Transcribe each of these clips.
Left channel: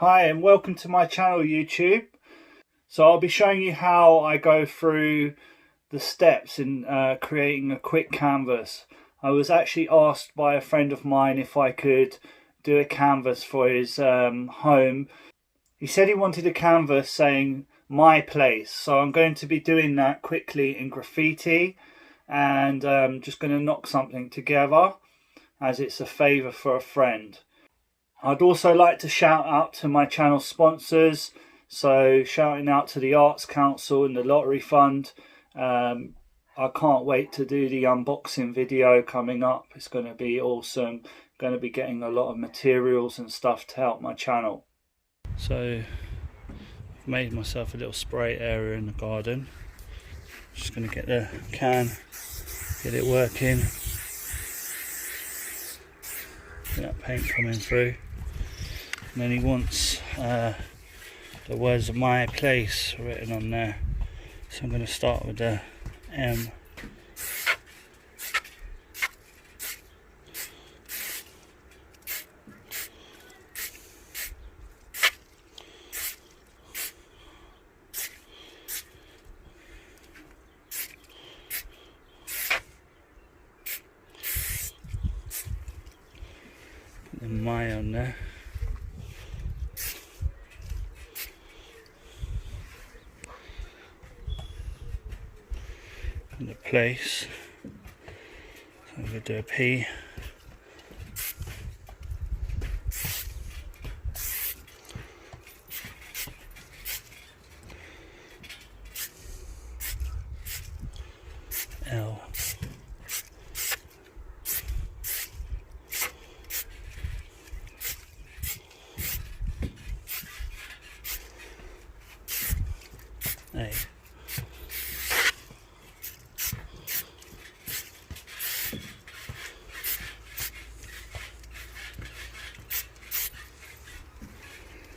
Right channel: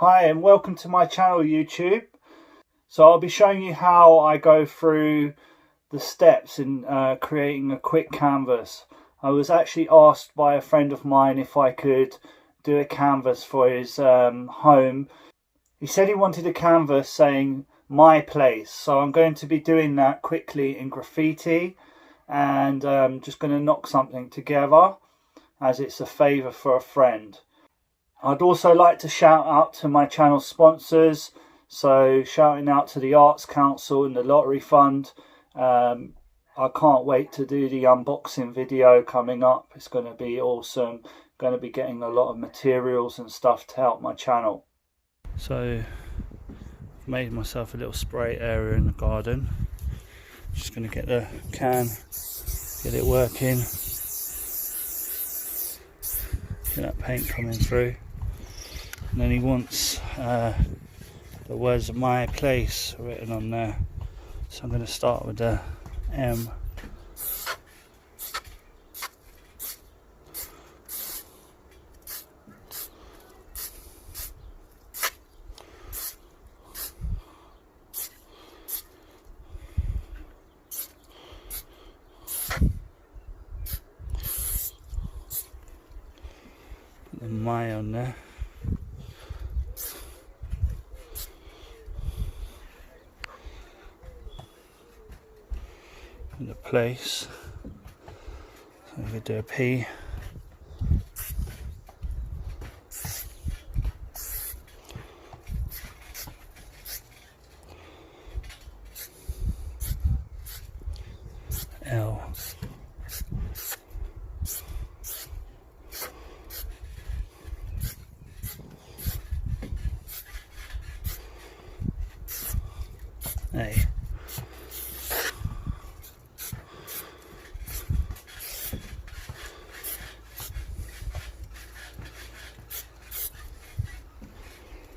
Hi and welcome to my channel YouTube. So I'll be showing you how I go through the steps in creating a quick canvas. I was actually asked by a friend of mine if I could do a canvas for his home. He said he wanted a canvas saying my place, so I'm going to be doing that quickly in graffiti and just going to knock something together as it's a favour for a friend. I'd also like to shout out to my channel sponsors, so shouting out to the Arts Council and the Lottery Fund. I can't wait to do the unboxing video coming up. It's going to be awesome. Going to be getting a lot of materials and stuff to help my channel. So I've made myself a little spray area in the garden. Just going to get the can, get it working. Get that paint coming through. And then he wants the words of my place written on there. So I'm going to start with the M. Put the my on there. The place, so I'm going to do a P. L. A.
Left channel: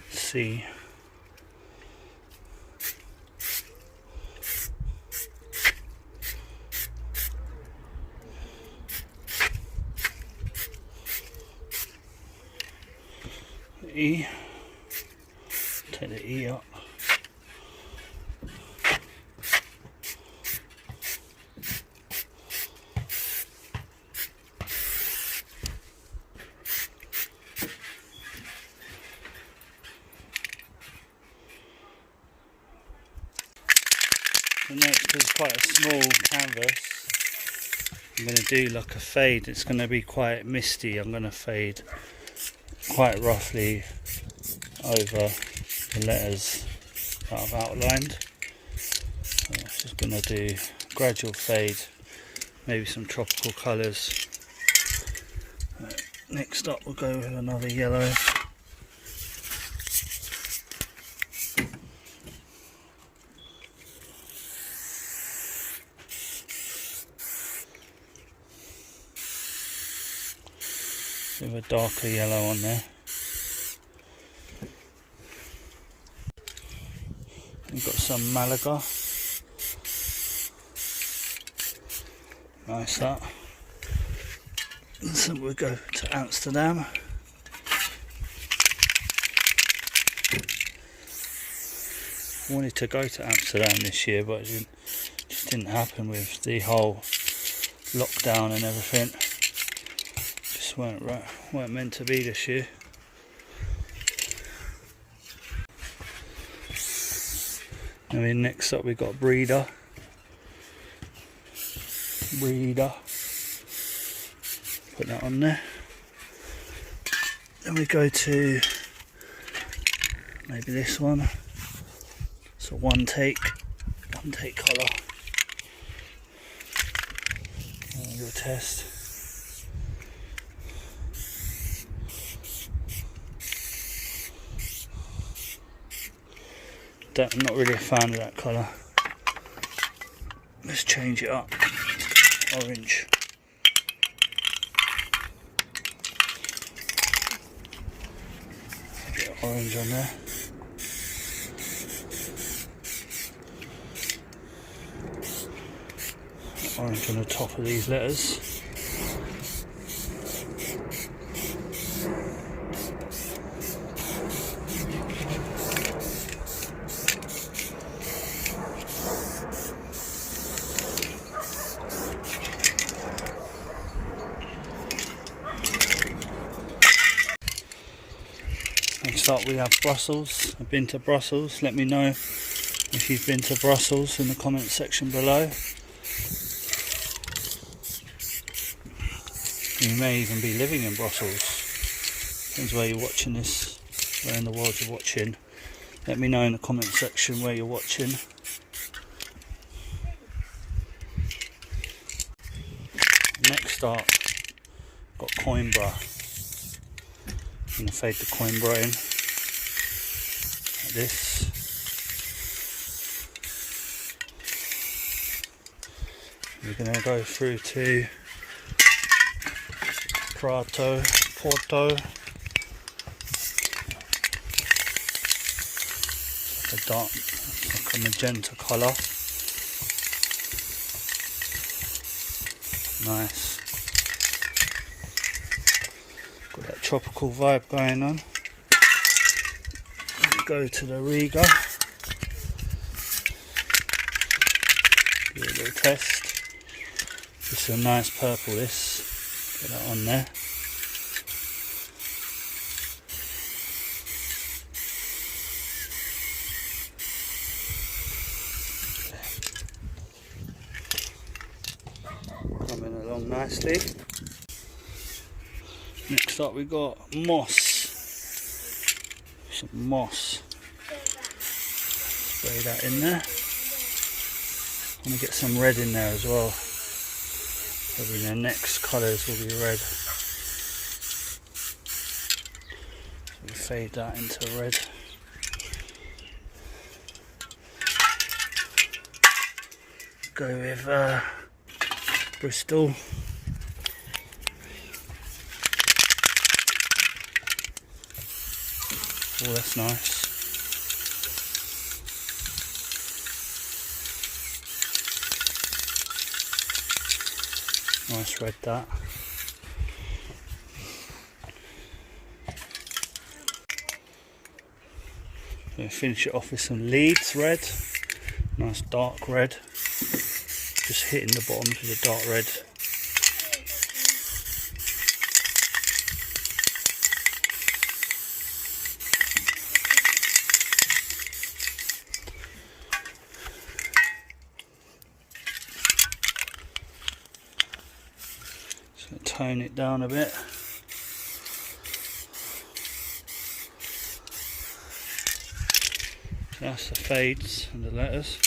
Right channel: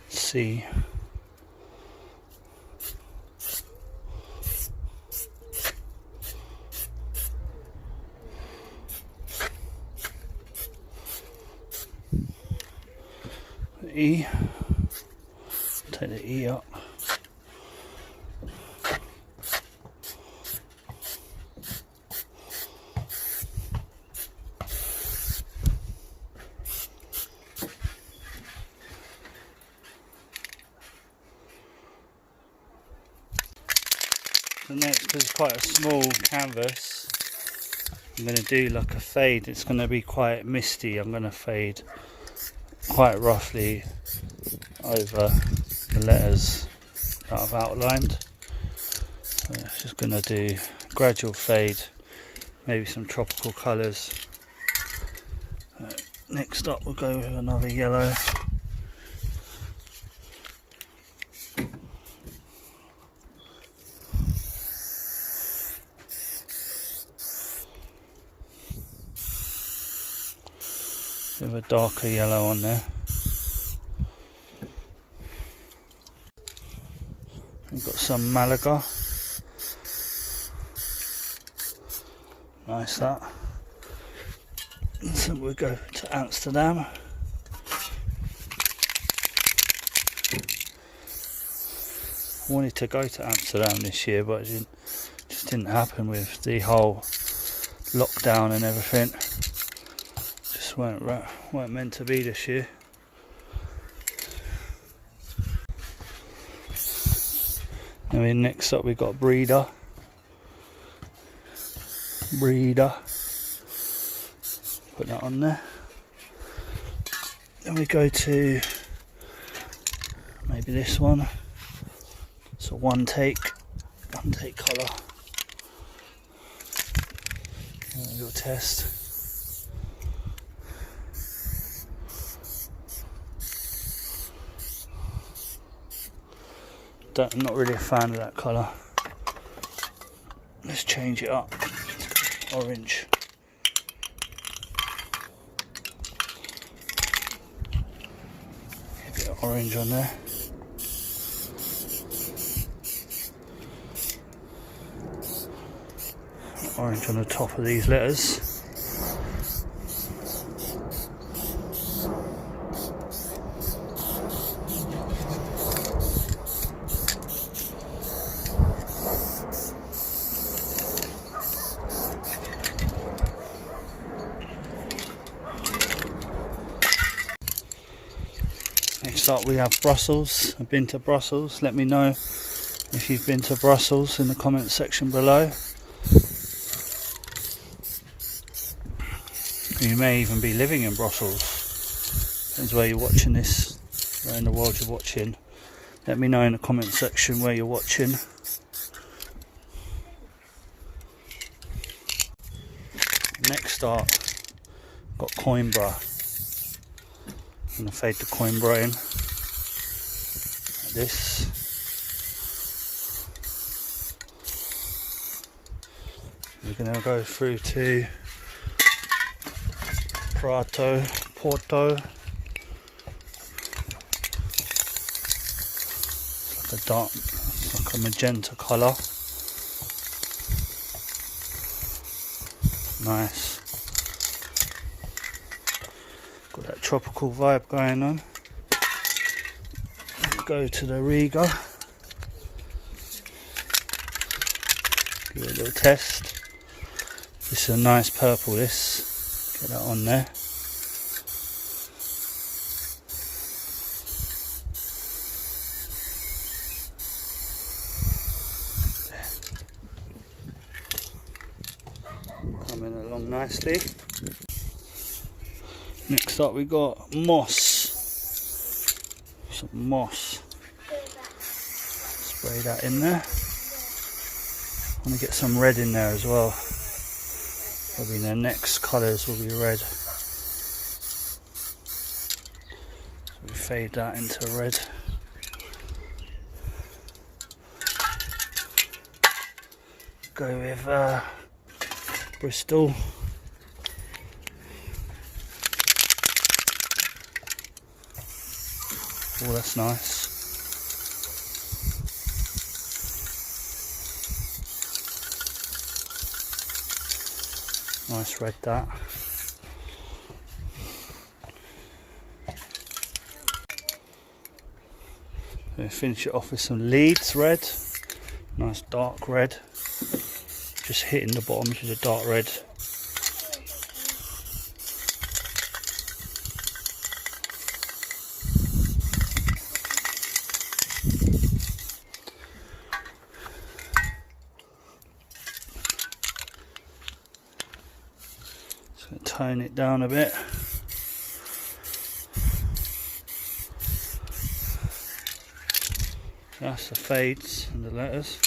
C. E. Take the E up. The next is quite a small canvas. I'm going to do like a fade. It's going to be quite misty. I'm going to fade quite roughly over the letters that I've outlined. So I'm just going to do gradual fade, maybe some tropical colours. Next up we'll go with another yellow. With a darker yellow on there. We've got some Malaga. Nice that. And so we'll go to Amsterdam. I wanted to go to Amsterdam this year, but it just didn't happen with the whole lockdown and everything. Weren't meant to be this year. And then next up we've got Breeder. Put that on there. Then we go to maybe this one. It's a one take colour. A little test. I'm not really a fan of that colour. Let's change it up. Orange. A bit of orange on there. Orange on the top of these letters. Next up we have Brussels. I've been to Brussels. Let me know if you've been to Brussels in the comment section below. You may even be living in Brussels. Depends where you're watching this, where in the world you're watching. Let me know in the comment section where you're watching. Next up, got Coimbra. I'm going to fade the Coimbra in like this. We're going to go through to Porto. It's like a dark, it's like a magenta colour. Nice. Got that tropical vibe going on. Go to the Riga. Give it a little test. This is a nice purple, this. Get that on there. Coming along nicely. Next up we got moss. Some moss. Spray that in there. I want to get some red in there as well. Probably their next colours will be red. So we fade that into red. Go with Bristol. Oh, that's nice. Nice red that. So finish it off with some Leeds red. Nice dark red. Just hitting the bottoms with a dark red. Tone it down a bit. So that's the fades and the letters.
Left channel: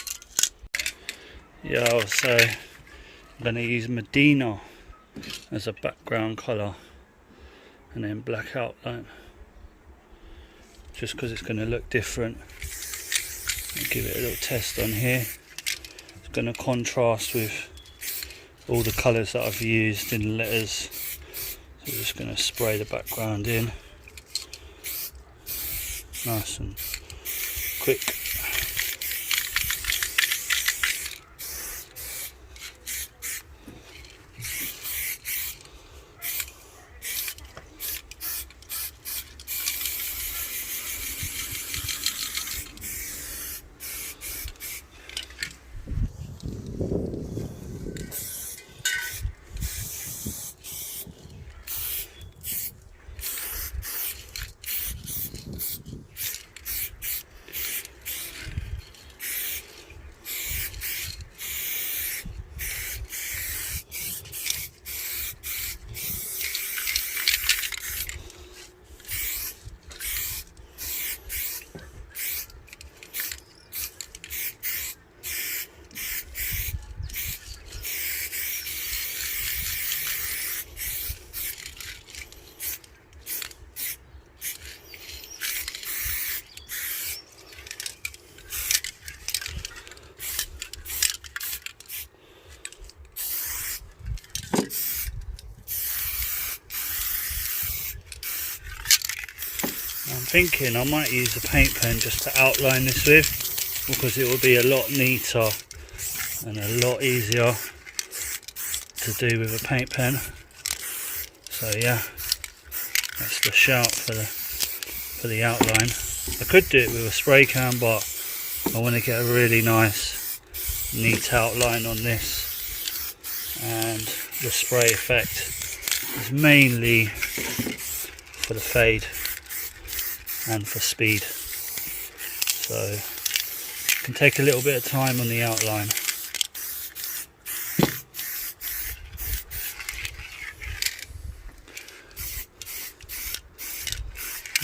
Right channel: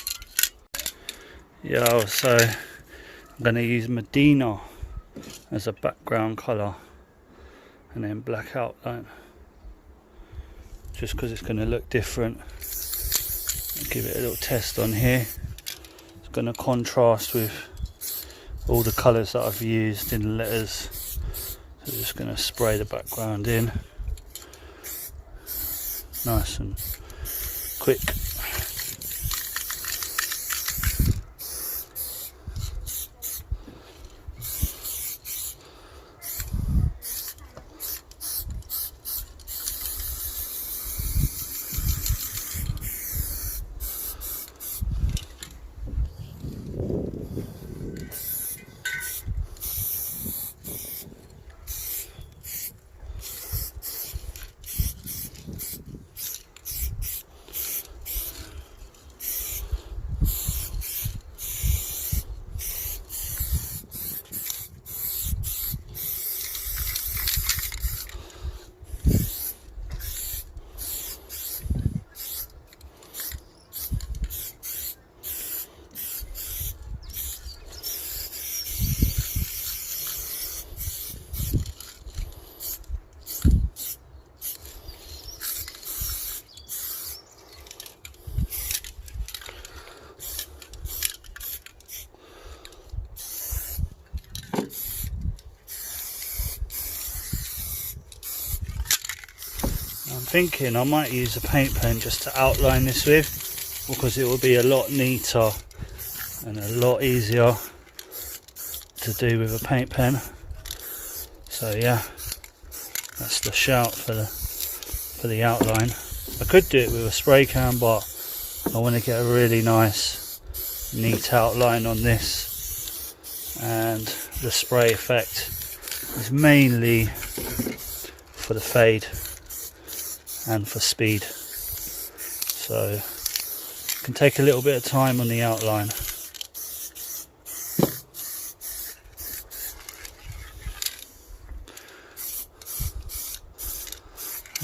Yeah, so I'm going to use Medina as a background colour and then black outline, just because it's going to look different. I'll give it a little test on here. It's going to contrast with all the colours that I've used in the letters. So I'm just going to spray the background in. Nice and quick. I'm thinking I might use a paint pen just to outline this with, because it will be a lot neater and a lot easier to do with a paint pen. So yeah, that's the shout for the outline. I could do it with a spray can, but I want to get a really nice neat outline on this, and the spray effect is mainly for the fade. and for speed. So it can take a little bit of time on the outline.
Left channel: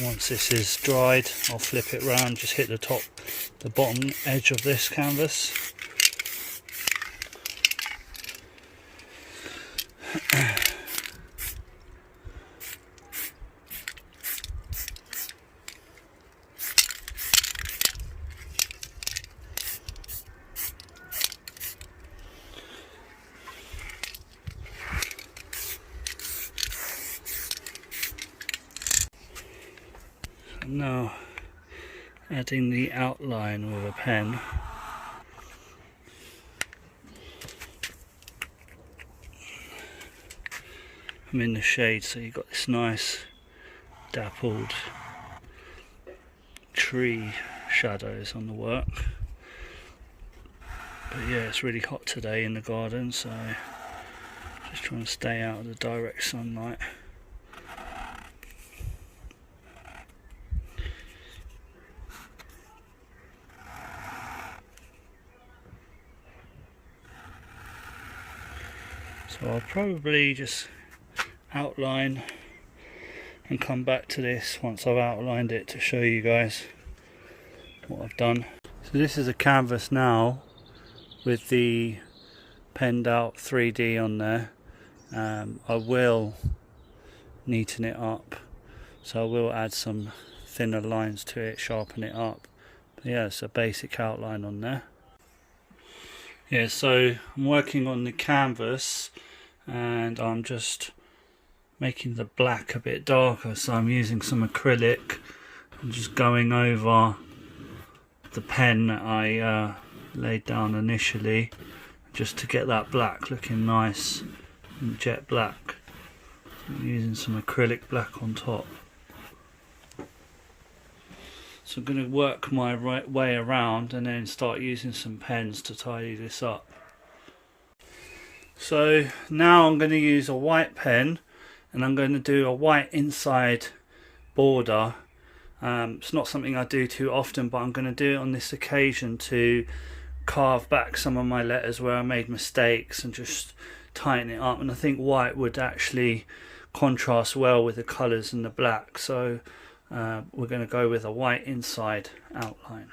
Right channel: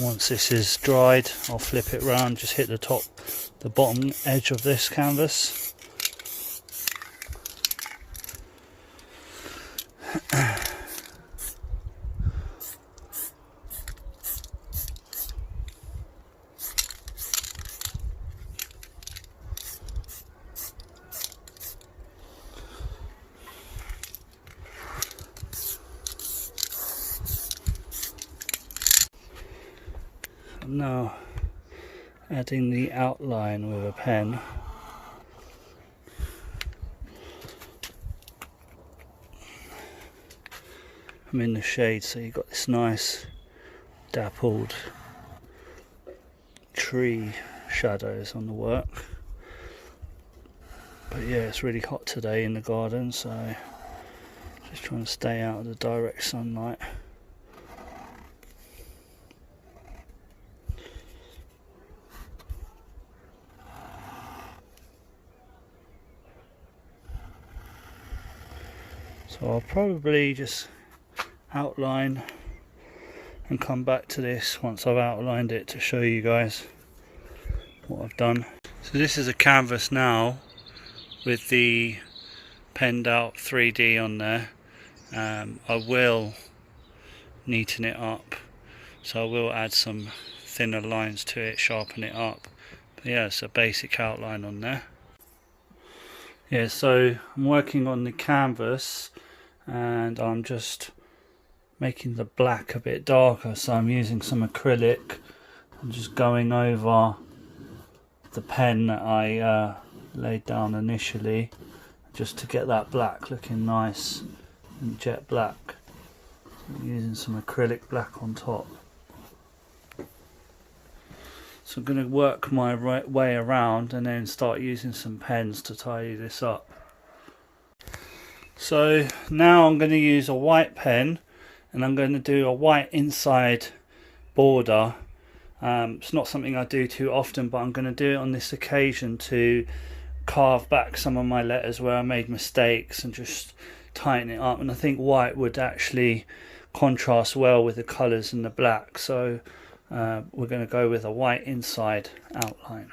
Once this is dried, I'll flip it round, just hit the bottom edge of this canvas. Now adding the outline with a pen. I'm in the shade, so you've got this nice dappled tree shadows on the work. But yeah, it's really hot today in the garden, so just trying to stay out of the direct sunlight. So I'll probably just outline and come back to this once I've outlined it to show you guys what I've done. So this is a canvas now with the penned out 3D on there. I will neaten it up, so I will add some thinner lines to it, sharpen it up. But yeah, it's a basic outline on there. Yeah, so I'm working on the canvas and I'm just making the black a bit darker, so I'm using some acrylic and just going over the pen that I laid down initially, just to get that black looking nice and jet black. I'm using some acrylic black on top. So I'm going to work my way around and then start using some pens to tidy this up. So now I'm going to use a white pen and I'm going to do a white inside border. It's not something I do too often, but I'm going to do it on this occasion to carve back some of my letters where I made mistakes and just tighten it up. And I think white would actually contrast well with the colours and the black, so we're going to go with a white inside outline.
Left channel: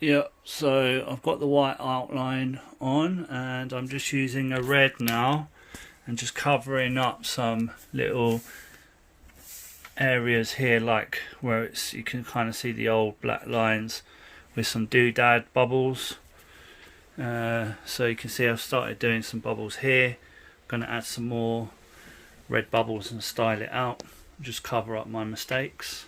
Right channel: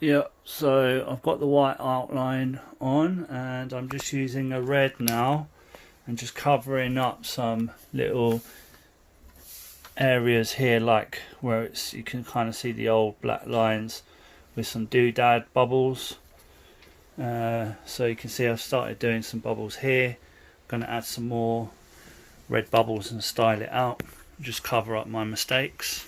Yeah, so I've got the white outline on and I'm just using a red now and just covering up some little areas here, like where you can kind of see the old black lines with some doodad bubbles. So you can see I've started doing some bubbles here. I'm going to add some more red bubbles and style it out, just cover up my mistakes.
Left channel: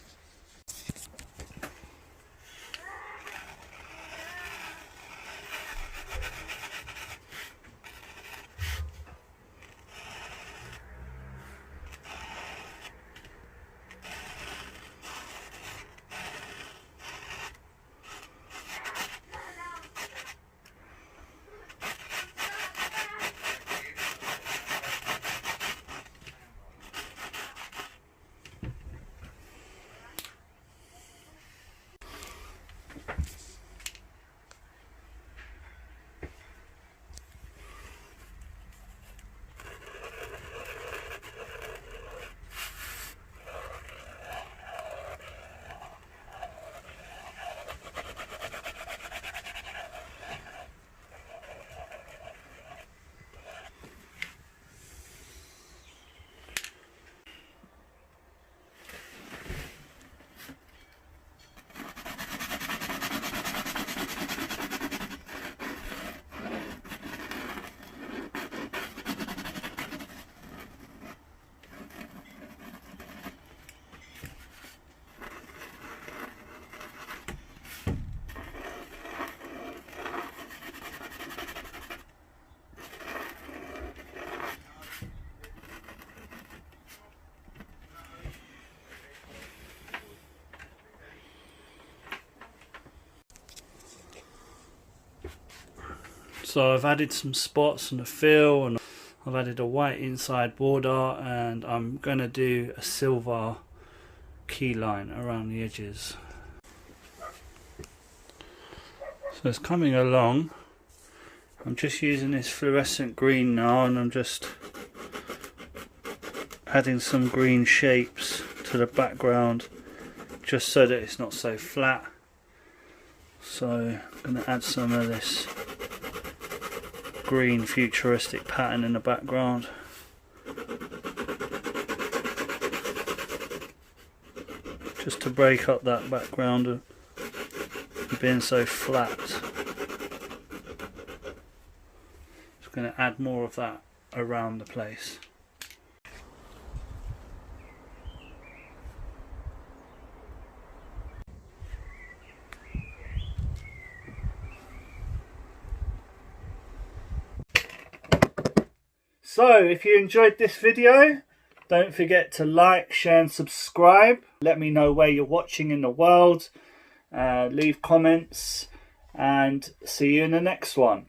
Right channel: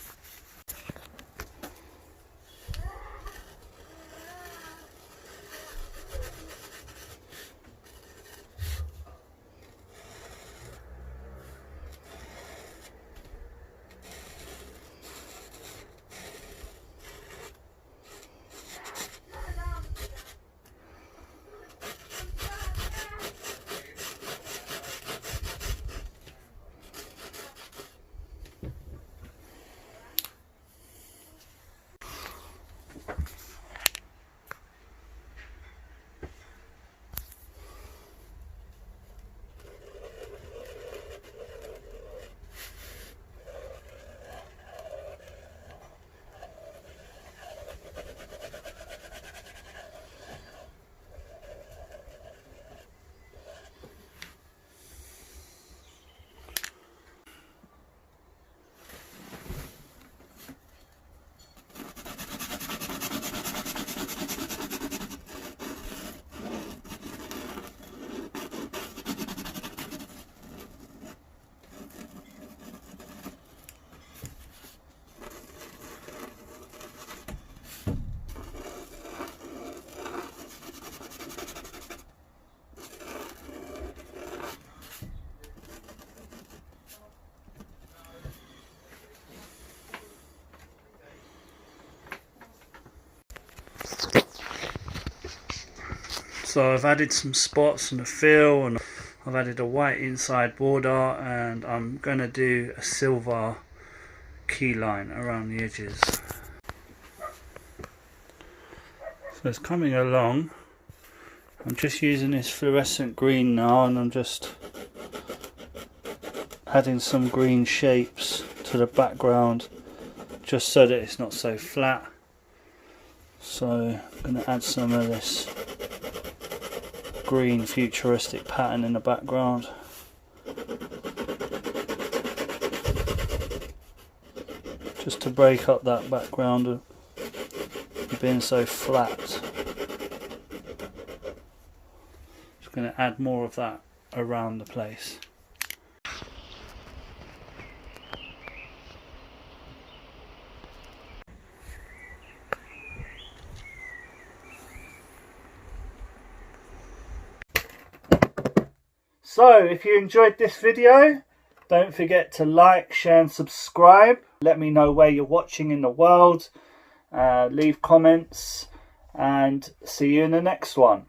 So I've added some spots on the fill, and I've added a white inside border, and I'm going to do a silver key line around the edges. So it's coming along. I'm just using this fluorescent green now, and I'm just adding some green shapes to the background just so that it's not so flat. So I'm going to add some of this green futuristic pattern in the background. Just to break up that background of being so flat. Just going to add more of that around the place. So if you enjoyed this video, don't forget to like, share and subscribe. Let me know where you're watching in the world. Leave comments, and see you in the next one.